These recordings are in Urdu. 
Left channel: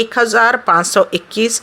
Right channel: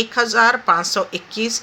1,521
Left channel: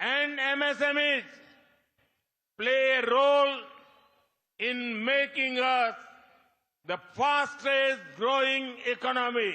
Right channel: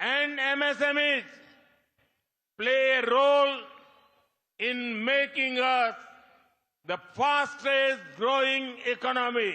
and MSMEs play a role in making us the fastest growing economy.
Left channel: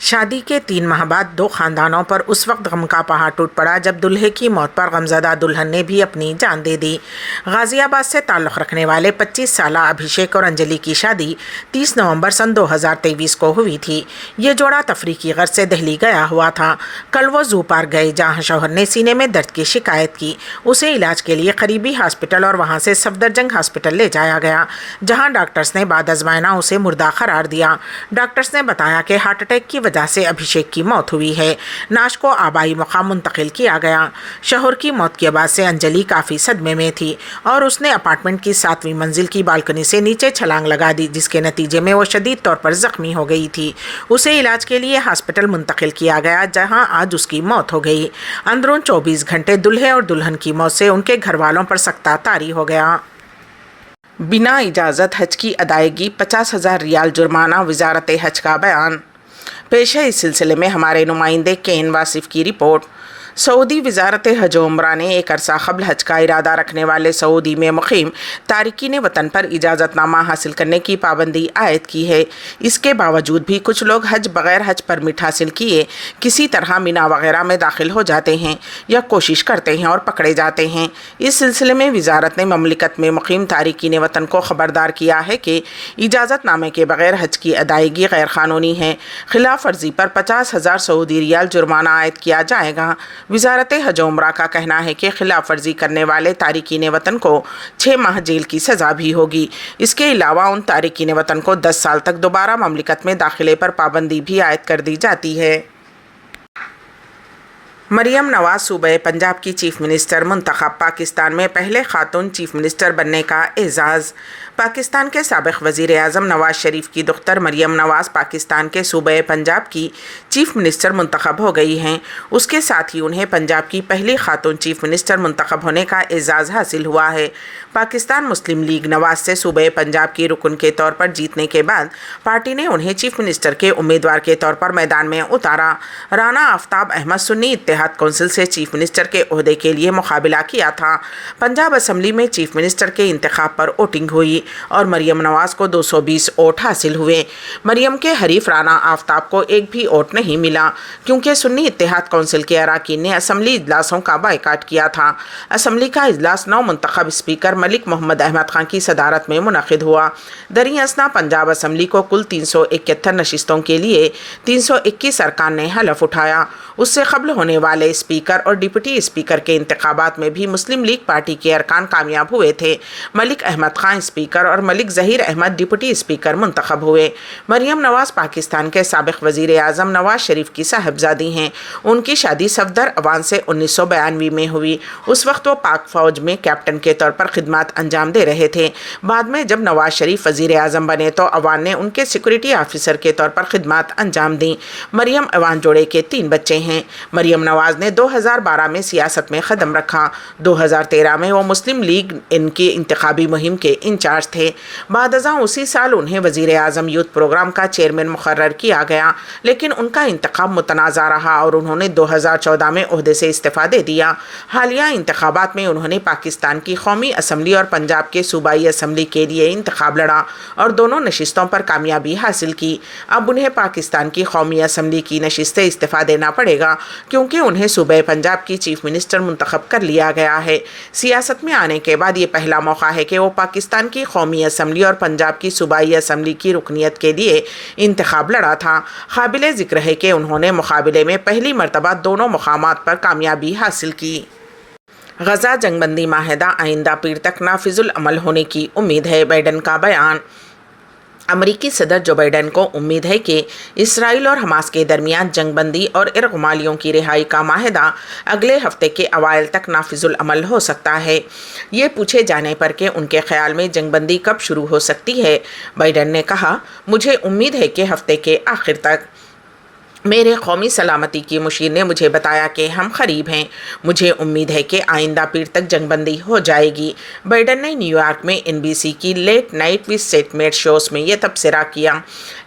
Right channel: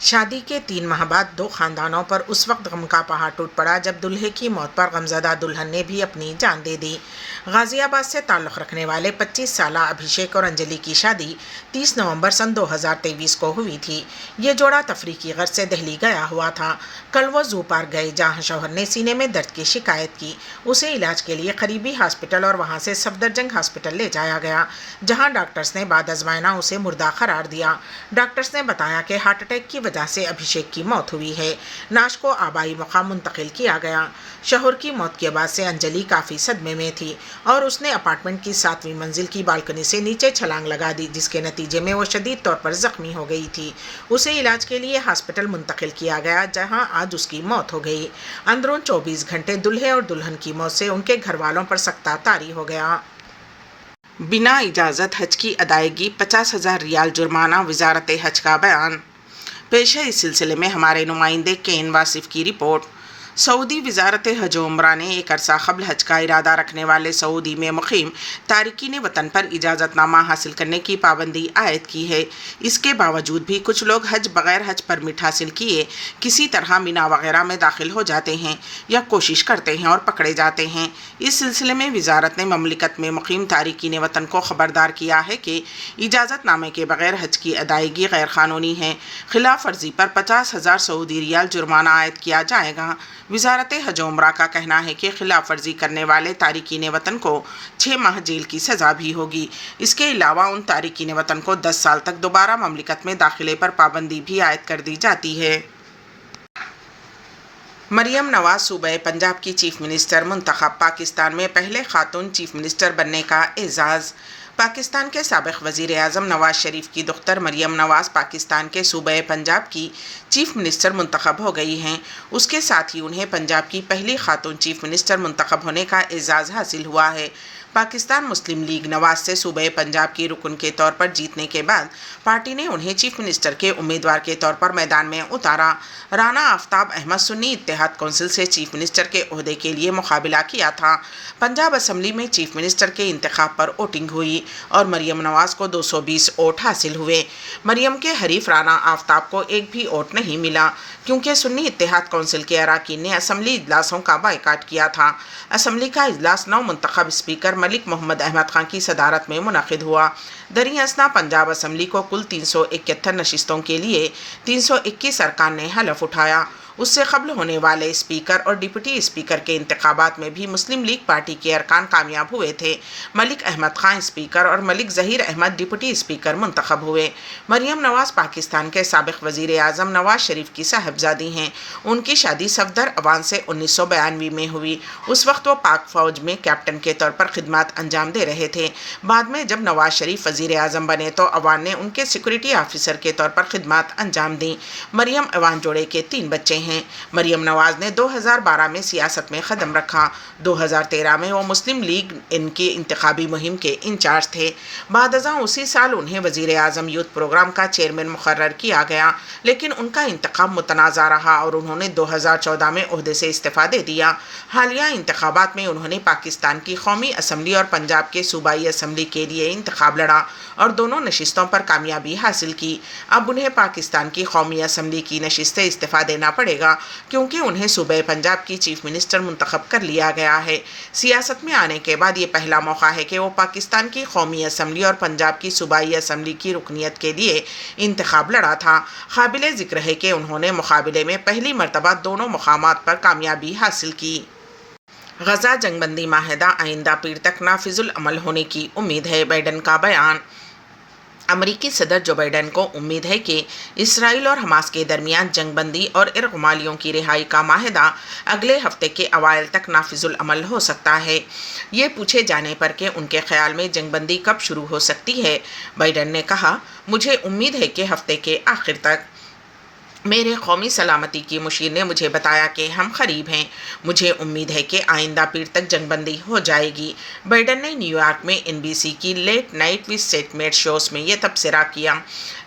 شادی کے 3 ماہ بعد 2 خاندانوں پر اس وقت غم کا پہاڑ ٹوٹ پڑا جب دلہے کی موت پر غمزدہ دلہن نے بھی اپنی جان دے دی۔ غازی آباد سے تعلق رکھنے والے 25 سالہ ابھیشیک اور انجلی کی شادی 30 نومبر سن 2023 کو ہوئی تھی۔ یہ جوڑا تفریح کی غرض سے دہلی گیا ہوا تھا۔ کل وہ زو پارک گئے جہاں شوہر نے سینے میں درد کی شکایت کی۔ اسے علاج کے لیے قریبی ہاسپٹل اور وہاں سے صفدرجنگ ہاسپٹل لے جایا گیا، جہاں ڈاکٹرز نے بعد از معائنہ اسے مردہ قرار دیا۔ ڈاکٹرز نے بتایا کہ ہارٹ اٹیک کی وجہ سے ابھیشیک کی موت ہوئی ہے۔ نعش کو آبائی مقام منتقل کیا گیا۔ شوہر کی موت کے بعد سے انجلی کافی صدمے میں تھی اور اس نے اپارٹمنٹ کی 7ویں منزل کی بالکنی سے نیچے چھلانگ لگا دی، جس کے نتیجے میں وہ شدید طور پر زخمی ہو گئی تھی۔ اسے علاج کے لیے ہاسپٹل منتقل کیا گیا، جہاں آج اس کی موت ہو گئی۔ اندرون 24 گھنٹے دلہے اور دلہن کی موت سے ان کے گھر والوں پر سکتہ طاری ہو گیا۔ بنا اجازت حج کی ادائیگی 50,000 ریال جرمانہ، وزارت حج کا بیان۔ پیش ہے اس سلسلے میں ہمارے نمائندے کین واصف کی رپورٹ۔ سعودی وزارت حج و عمرہ نے ایک عرصہ قبل حج کا ارادہ رکھنے والے سعودی میں مقیم تارکین وطن پر اجازت نامہ حاصل کرنے کی پابندی عائد کی ہے۔ اس کے باوجود بھی کچھ لوگ بغیر حج پرمٹ حاصل کیے کسی طرح مینا وغیرہ میں داخل ہو جاتے ہیں یا کوشش کرتے ہیں اور پکڑے جاتے ہیں۔ اس سلسلے میں وزارت نے مملکت میں مقیم تارکین وطن کو خبردار کیا ہے کہ اجازت نامے کے بغیر حج کی ادائیگی غیر قانونی ہے۔ خلاف ورزی پر 50,000 سعودی ریال جرمانہ عائد کیا جائے گا۔ وزارت حج و عمرہ کا کہنا ہے کہ خلاف ورزی کرنے والے تارکین وطن کو 6 ماہ جیل کی سزا بھی ہوگی۔ اس کے علاوہ ان تارکین وطن کو 10 سال تک دوبارہ مملکت میں داخلے پر پابندی بھی عائد کر دی جاتی ہے۔ مریم نواز صوبہ پنجاب کی چیف منسٹر منتخب، پاکستان میں پہلے خاتون چیف منسٹر بننے کا اعزاز۔ پاکستان کے سابق وزیر اعظم نواز شریف کی دختر مریم نواز پاکستان کے صوبہ پنجاب کی چیف منسٹر منتخب ہو گئی ہیں۔ اس کے ساتھ ہی انہیں پنجاب کی پہلی خاتون چیف منسٹر منتخب ہونے کا اعزاز حاصل ہوا ہے۔ پاکستان مسلم لیگ نواز سے صوبہ پنجاب کی رکن کے طور پر جیتنے کے بعد پارٹی نے انہیں چیف منسٹر کے امیدوار کے طور پر میدان میں اتارا۔ رانا آفتاب احمد سنی اتحاد کونسل سے چیف منسٹر کے عہدے کے لیے مقابلہ کیا تھا۔ پنجاب اسمبلی میں چیف منسٹر کے انتخاب پر ووٹنگ ہوئی اور مریم نواز کو 220 ووٹ حاصل ہوئے۔ مریم کے حریف رانا آفتاب کو ایک بھی ووٹ نہیں ملا، کیونکہ سنی اتحاد کونسل کے اراکین نے اسمبلی اجلاسوں کا بائیکاٹ کیا تھا۔ اسمبلی کا اجلاس نو منتخب اسپیکر ملک محمد احمد خان کی صدارت میں منعقد ہوا۔ دریں اثنا پنجاب اسمبلی کو کل 371 نشستوں کے لیے 321 ارکان نے حلف اٹھایا۔ اس سے قبل ہونے والے اسپیکر اور ڈپٹی اسپیکر کے انتخابات میں بھی مسلم لیگ پارٹی کے ارکان کامیاب ہوئے تھے۔ ملک احمد خان اسپیکر اور ملک ظہیر احمد ڈپٹی اسپیکر منتخب ہوئے۔ مریم نواز پاکستان کے سابق وزیر اعظم نواز شریف کی صاحبزادی ہیں۔ ان کی شادی صفدر اوان سے 1992 میں ہوئی۔ اس وقت وہ پاک فوج میں کیپٹن کے طور پر خدمات انجام دے رہے تھے۔ بعد میں جب نواز شریف وزیر اعظم بنے تو اوان نے ان کے سیکورٹی آفیسر کے طور پر خدمات انجام دیں۔ مریم اوان جوڑے کے 3 بچے ہیں۔ مریم نواز نے 2012 میں سیاست میں قدم رکھا۔ 2013 میں وہ مسلم لیگ ان کی انتخابی مہم کے انچارج تھے۔ بعد ازاں اسی سال انہیں وزیر اعظم یوتھ پروگرام کا چیئرمین مقرر کیا گیا، لیکن ان کا انتخاب متنازع رہا اور انہوں نے 2014 میں عہدے سے استعفیٰ دے دیا۔ حالیہ انتخابات میں انہوں نے پاکستان کی قومی اسمبلی اور پنجاب کے صوبائی اسمبلی کے لیے انتخاب لڑا اور دونوں نشستوں پر کامیابی حاصل کی۔ اب انہیں پاکستان کی قومی اسمبلی کی نشست سے استعفیٰ دینا پڑے گا، کیونکہ انہیں صوبہ پنجاب کی چیف منسٹر منتخب کر لیا گیا ہے۔ سیاست میں آنے کے بعد یہ پہلا موقع ہے کہ وہ پاکستان کی قومی اسمبلی اور پنجاب کی صوبائی اسمبلی کی رکنیت کے لیے انتخاب لڑا تھا۔ قابل ذکر ہے کہ انہوں نے مقابلے میں پہلی مرتبہ دونوں مقامات پر کامیابی حاصل کی۔ غزہ جنگ بندی معاہدہ آئندہ پیر تک نافذ العمل ہونے کی امید ہے، بائیڈن کا بیان۔ امریکی صدر جو بائیڈن کو امید ہے کہ اسرائیل اور حماس کے درمیان جنگ بندی اور ارغمالیوں کی رہائی کا معاہدہ اگلے ہفتے کے اوائل تک نافذ العمل ہو سکتا ہے۔ یہ پوچھے جانے پر کہ ان کے خیال میں جنگ بندی کب شروع ہو سکتی ہے، بائیڈن نے کہا، مجھے امید ہے کہ ہفتے کے آخر تک۔ میرے قومی سلامتی کی مشیر نے مجھے بتایا کہ ہم قریب ہیں۔ مجھے امید ہے کہ آئندہ پیر تک جنگ بندی ہو جائے گی۔ بائیڈن نے نیو یارک میں NBC کی لیٹ نائٹ وتھ سیٹ میٹ شوز میں یہ تبصرہ کیا۔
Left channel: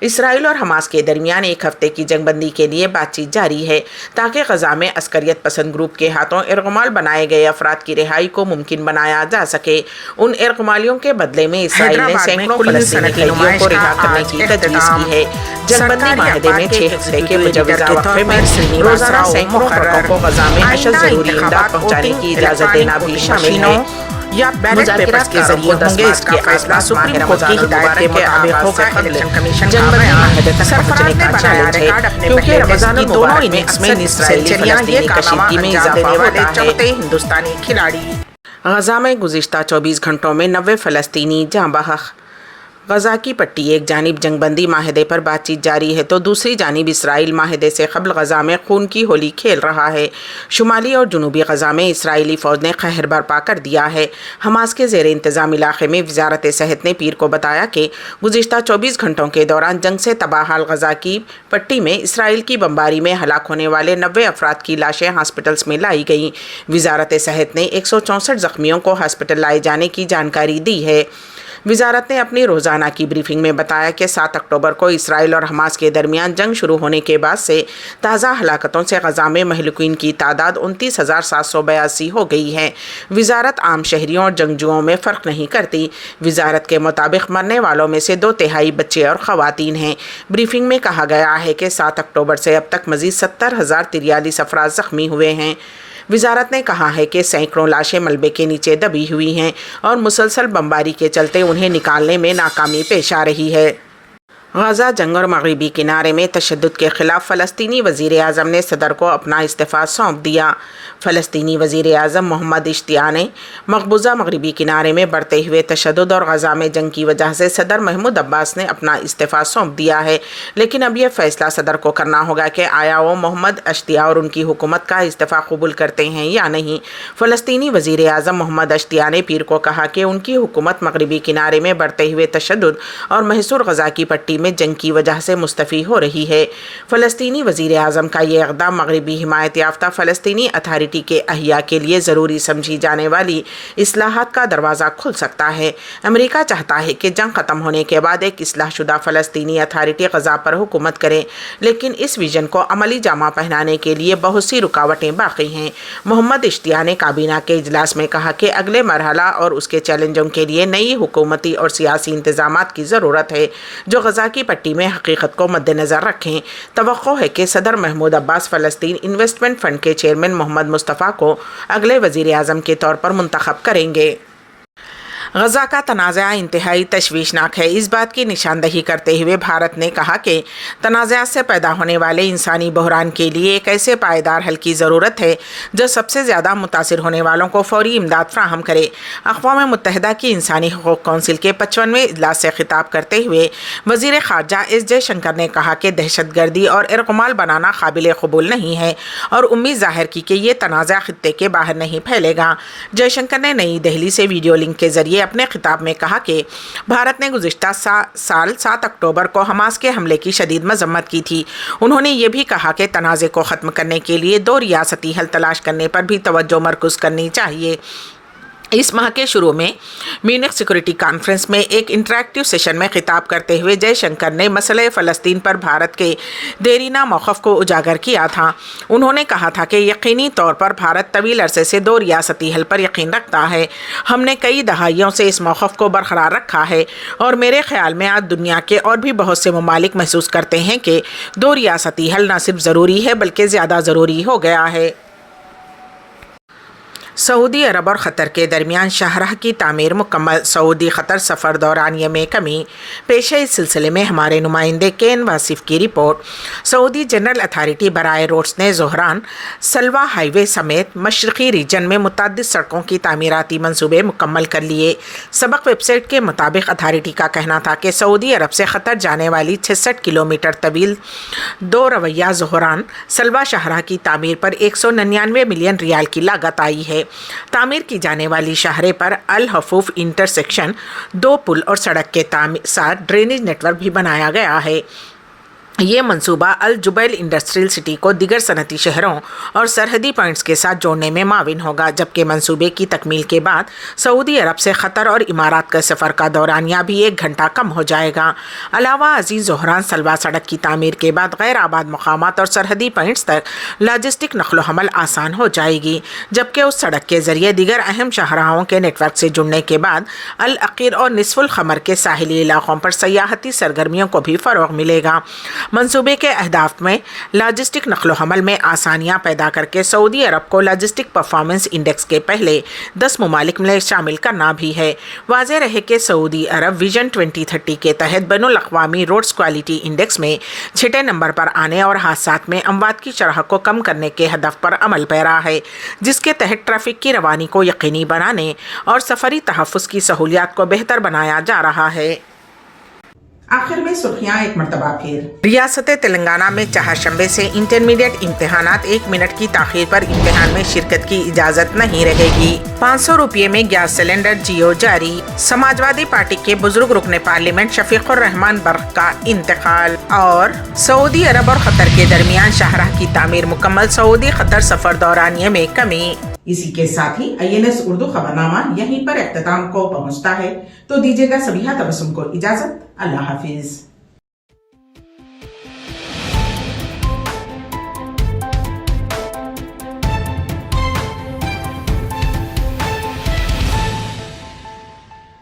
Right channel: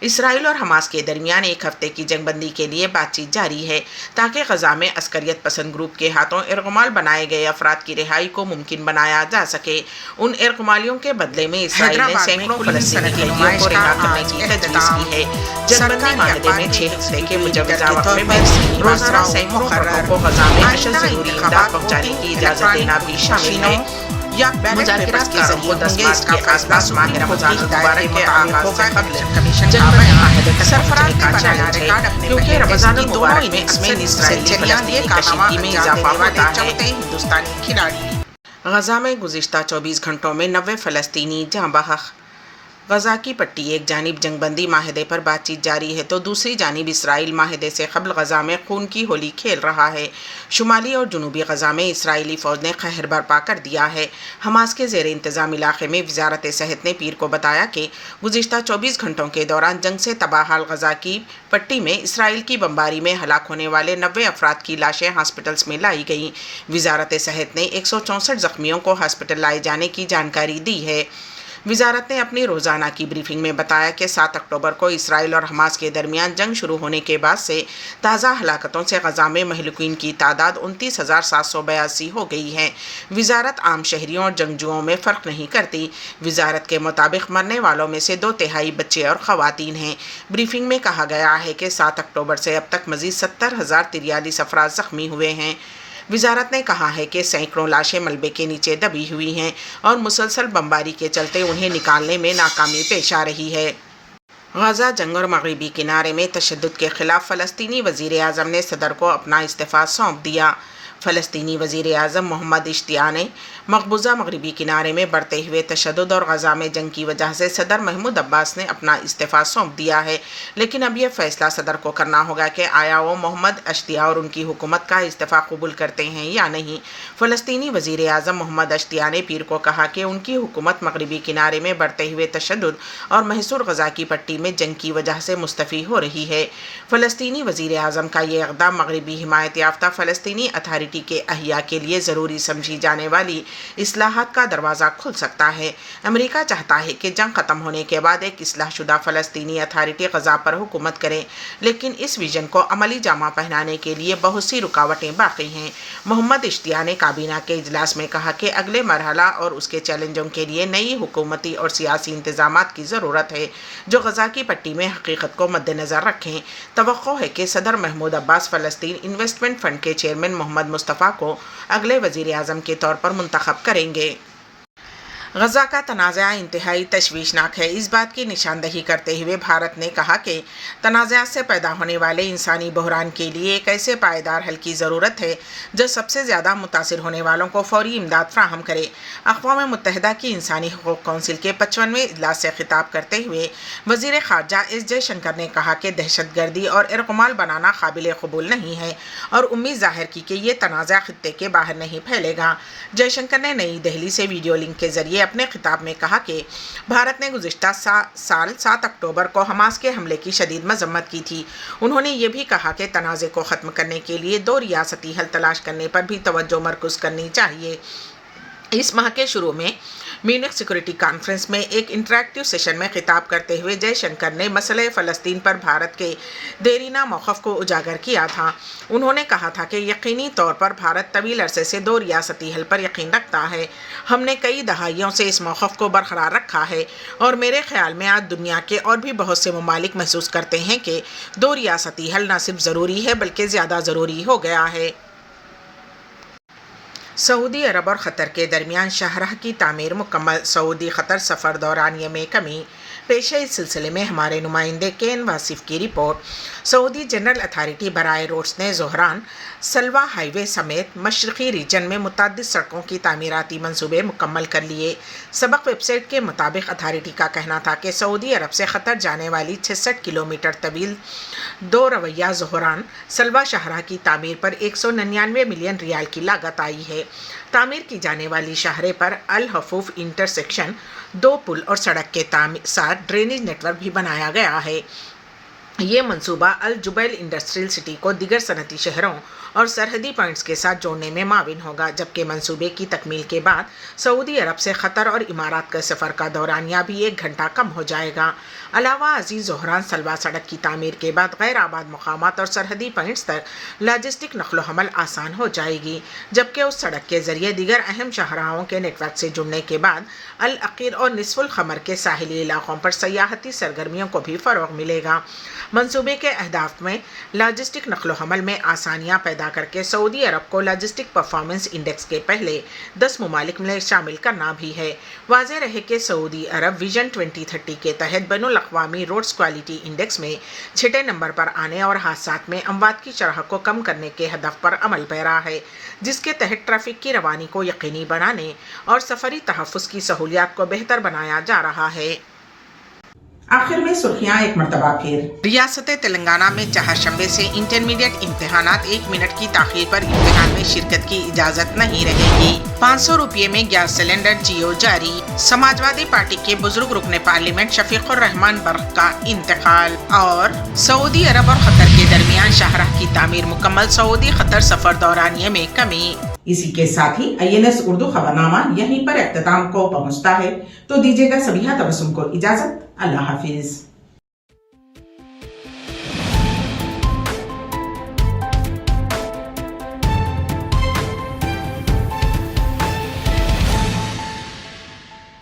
اسرائیل اور حماس کے درمیان ایک ہفتے کی جنگ بندی کے لیے بات چیت جاری ہے تاکہ غزہ میں عسکریت پسند گروپ کے ہاتھوں ارغمال بنائے گئے افراد کی رہائی کو ممکن بنایا جا سکے۔ ان ارغمالیوں کے بدلے میں اسرائیل نے سینکڑوں فلسطینی قیدیوں کو رہا کرنے کی تجویز کی ہے۔ جنگ بندی معاہدے میں 6 ہفتے کے مجوزہ وقفے میں روزانہ سینکڑوں ٹرکوں کو غزہ میں اشد ضروری امداد پہنچانے کی اجازت دینا بھی شامل ہے۔ یا بیلٹ پیپرز کے ذریعے ہوں گے، اس کا فیصلہ سپریم کورٹ کی ہدایت کے مطابق ہوگا۔ الیکشن کمیشن جنگ بندی سرفراز نے بنایا ریکارڈ اپنے پہلے ٹیسٹ کی دونوں اننگز میں نصف سینچریاں، یہ کشیدگی میں اضافہ ہوتا ہے۔ چوتھے ہندوستانی کھلاڑی۔ غزہ میں گزشتہ 24 گھنٹوں میں 90 فلسطینی جاں بحق۔ غزہ کی پٹی ایک جانب جنگ بندی معاہدے پر بات چیت جاری ہے تو دوسری جانب اسرائیل معاہدے سے قبل غزہ میں خون کی ہولی کھیل رہا ہے۔ شمالی اور جنوبی غزہ میں اسرائیلی فوج نے قہر برپا کر دیا ہے۔ حماس کے زیر انتظام علاقے میں وزارت صحت نے پیر کو بتایا کہ گزشتہ 24 گھنٹوں کے دوران جنگ سے تباہ حال غزہ کی پٹی میں اسرائیل کی بمباری میں ہلاک ہونے والے 90 افراد کی لاشیں ہاسپٹلز میں لائی گئیں۔ وزارت صحت نے 164 زخمیوں کو ہاسپٹل لائے جانے کی جانکاری دی ہے۔ وزارت نے اپنی روزانہ کی بریفنگ میں بتایا کہ 7 اکتوبر کو اسرائیل اور حماس کے درمیان جنگ شروع ہونے کے بعد سے تازہ ہلاکتوں سے غزہ میں مہلوکین کی تعداد 29,782 ہو گئی ہے۔ وزارت عام شہریوں اور جنگجوؤں میں فرق نہیں کرتی۔ وزارت کے مطابق مرنے والوں میں سے 2/3 بچے اور خواتین ہیں۔ بریفنگ میں کہا گیا ہے کہ 7 اکتوبر سے اب تک مزید 70,043 افراد زخمی ہوئے ہیں۔ وزارت نے کہا ہے کہ سینکڑوں لاشیں ملبے کے نیچے دبی ہوئی ہیں اور مسلسل بمباری کے چلتے انہیں نکالنے میں ناکامی پیش آ رہی ہے۔ غزہ جنگ اور مغربی کنارے میں تشدد کے خلاف فلسطینی وزیر اعظم نے صدر کو اپنا استعفیٰ سونپ دیا۔ فلسطینی وزیر اعظم محمد اشتیاق نے مقبوضہ مغربی کنارے میں بڑھتے ہوئے تشدد اور غزہ میں جنگ کی وجہ سے صدر محمود عباس نے اپنا استعفیٰ سونپ دیا ہے، لیکن اب یہ فیصلہ صدر کو کرنا ہوگا کہ آیا وہ محمد اشتیاق اور ان کی حکومت کا استعفیٰ قبول کرتے ہیں یا نہیں۔ فلسطینی وزیر اعظم محمد اشتیاق نے پیر کو کہا کہ ان کی حکومت مغربی کنارے میں بڑھتے ہوئے تشدد اور محصور غزہ کی پٹی میں جنگ کی وجہ سے مستعفی ہو رہی ہے۔ فلسطینی وزیر اعظم کا یہ اقدام مغربی حمایت یافتہ فلسطینی اتھارٹی کے احیاء کے لیے ضروری سمجھی جانے والی اصلاحات کا دروازہ کھل سکتا ہے۔ امریکہ چاہتا ہے کہ جنگ ختم ہونے کے بعد ایک اصلاح شدہ فلسطینی اتھارٹی غزہ پر حکومت کرے، لیکن اس ویژن کو عملی جامہ پہنانے کے لیے بہت سی رکاوٹیں باقی ہیں۔ محمد اشتیاق نے کابینہ کے اجلاس میں کہا کہ اگلے مرحلہ اور اس کے چیلنجوں کے لیے نئی حکومتی اور سیاسی انتظامات کی ضرورت ہے جو غزہ کی پٹی میں حقیقت کو مد نظر رکھیں۔ توقع ہے کہ صدر محمود عباس فلسطین انویسٹمنٹ فنڈ کے چیئرمین محمد مصطفیٰ کو اگلے وزیر اعظم کے طور پر منتخب کریں گے۔ غزہ کا تنازع انتہائی تشویشناک ہے۔ اس بات کی نشاندہی کرتے ہوئے بھارت نے کہا کہ تنازعات سے پیدا ہونے والے انسانی بحران کے لیے ایک ایسے پائیدار حل کی ضرورت ہے جو سب سے زیادہ متاثر ہونے والوں کو فوری امداد فراہم کرے۔ اقوام متحدہ کی انسانی حقوق کونسل کے 55ویں اجلاس سے خطاب کرتے ہوئے وزیر خارجہ ایس جے شنکر نے کہا کہ دہشت گردی اور ارغمال بنانا قابل قبول نہیں ہے اور امید ظاہر کی کہ یہ تنازع خطے کے باہر نہیں پھیلے گا۔ جے شنکر نے نئی دہلی سے ویڈیو لنک کے ذریعے اپنے خطاب میں کہا کہ بھارت نے گزشتہ سال 7 اکتوبر کو حماس کے حملے کی شدید مذمت کی تھی۔ انہوں نے یہ بھی کہا کہ تنازع کو ختم کرنے کے لیے 2 ریاستی حل تلاش کرنے پر بھی توجہ مرکوز کرنی چاہیے۔ اس ماہ کے شروع میں میونخ سیکورٹی کانفرنس میں ایک انٹریکٹیو سیشن میں خطاب کرتے ہوئے جے شنکر نے مسئلہ فلسطین پر بھارت کے دیرینہ موقف کو اجاگر کیا تھا۔ انہوں نے کہا تھا کہ یقینی طور پر بھارت طویل عرصے سے 2 ریاستی حل پر یقین رکھتا ہے۔ ہم نے کئی دہائیوں سے اس موقف کو برقرار رکھا ہے اور میرے خیال میں آج دنیا کے اور بھی بہت سے ممالک محسوس کرتے ہیں کہ 2 ریاستی حل نہ صرف ضروری ہے بلکہ زیادہ ضروری ہو گیا ہے۔ سعودی عرب اور قطر کے درمیان شاہراہ کی تعمیر مکمل، سعودی قطر سفر دورانیے میں کمی۔ پیش ہے اس سلسلے میں ہمارے نمائندے کین واصف کی رپورٹ۔ سعودی جنرل اتھارٹی برائے روڈز نے زہران سلوا ہائی وے سمیت مشرقی ریجن میں متعدد سڑکوں کی تعمیراتی منصوبے مکمل کر لیے۔ سبق ویب سائٹ کے مطابق اتھارٹی کا کہنا تھا کہ سعودی عرب سے قطر جانے والی 66 کلومیٹر طویل 2 رویہ زہران سلوا شاہراہ کی تعمیر پر 199 ملین ریال کی لاگت آئی ہے۔ تعمیر کی جانے والی شاہراہ پر الحفوف انٹرسیکشن 2 پل اور سڑک کے ساتھ ڈرینیج نیٹ ورک بھی بنایا گیا ہے۔ یہ منصوبہ الجبیل انڈسٹریل سٹی کو دیگر صنعتی شہروں اور سرحدی پوائنٹس کے ساتھ جوڑنے میں معاون ہوگا، جبکہ منصوبے کی تکمیل کے بعد سعودی عرب سے قطر اور امارات کا سفر کا دورانیہ بھی 1 گھنٹہ کم ہو جائے گا۔ علاوہ ازیں زہران سلوا سڑک کی تعمیر کے بعد غیر آباد مقامات اور سرحدی پوائنٹس تک لاجسٹک نقل و حمل آسان ہو جائے گی، جبکہ اس سڑک کے ذریعے دیگر اہم شاہراہوں کے نیٹ ورک سے جڑنے کے بعد العقیر اور نصف القمر کے ساحلی علاقوں پر سیاحتی سرگرمیوں کو بھی فروغ ملے گا۔ منصوبے کے اہداف میں لاجسٹک نقل و حمل میں آسانیاں پیدا کر کے سعودی عرب کو لاجسٹک پرفارمنس انڈیکس کے پہلے 10 ممالک میں شامل کرنا بھی ہے۔ واضح رہے کہ سعودی عرب ویژن 2030 کے تحت بین الاقوامی روڈز کوالٹی انڈیکس میں 6 نمبر پر آنے اور حادثات میں اموات کی شرح کو کم کرنے کے ہدف پر عمل پیرا ہے، جس کے تحت ٹریفک کی روانی کو یقینی بنانے اور سفری تحفظ کی سہولیات کو بہتر بنایا جا رہا ہے۔ آخر میں سرخیاں ایک مرتبہ پھر۔ ریاست تلنگانہ میں چہارشنبے سے انٹرمیڈیٹ امتحانات 1 منٹ کی تاخیر پر امتحان میں شرکت کی اجازت نہیں رہے گی۔ 500 روپے میں گیس سلنڈر جیو جاری۔ سماجوادی پارٹی کے بزرگ رکن پارلیمنٹ شفیق الرحمان برق کا انتقال۔ اور سعودی عرب اور قطر کے درمیان شاہراہ کی تعمیر مکمل، سعودی قطر سفر دورانیے میں کمی۔ اسی کے ساتھ ہی INS اردو خبرنامہ یہیں پر اختتام کو پہنچتا ہے، تو دیجیے گا سبیحہ تبسم کو اجازت۔ اللہ حافظ۔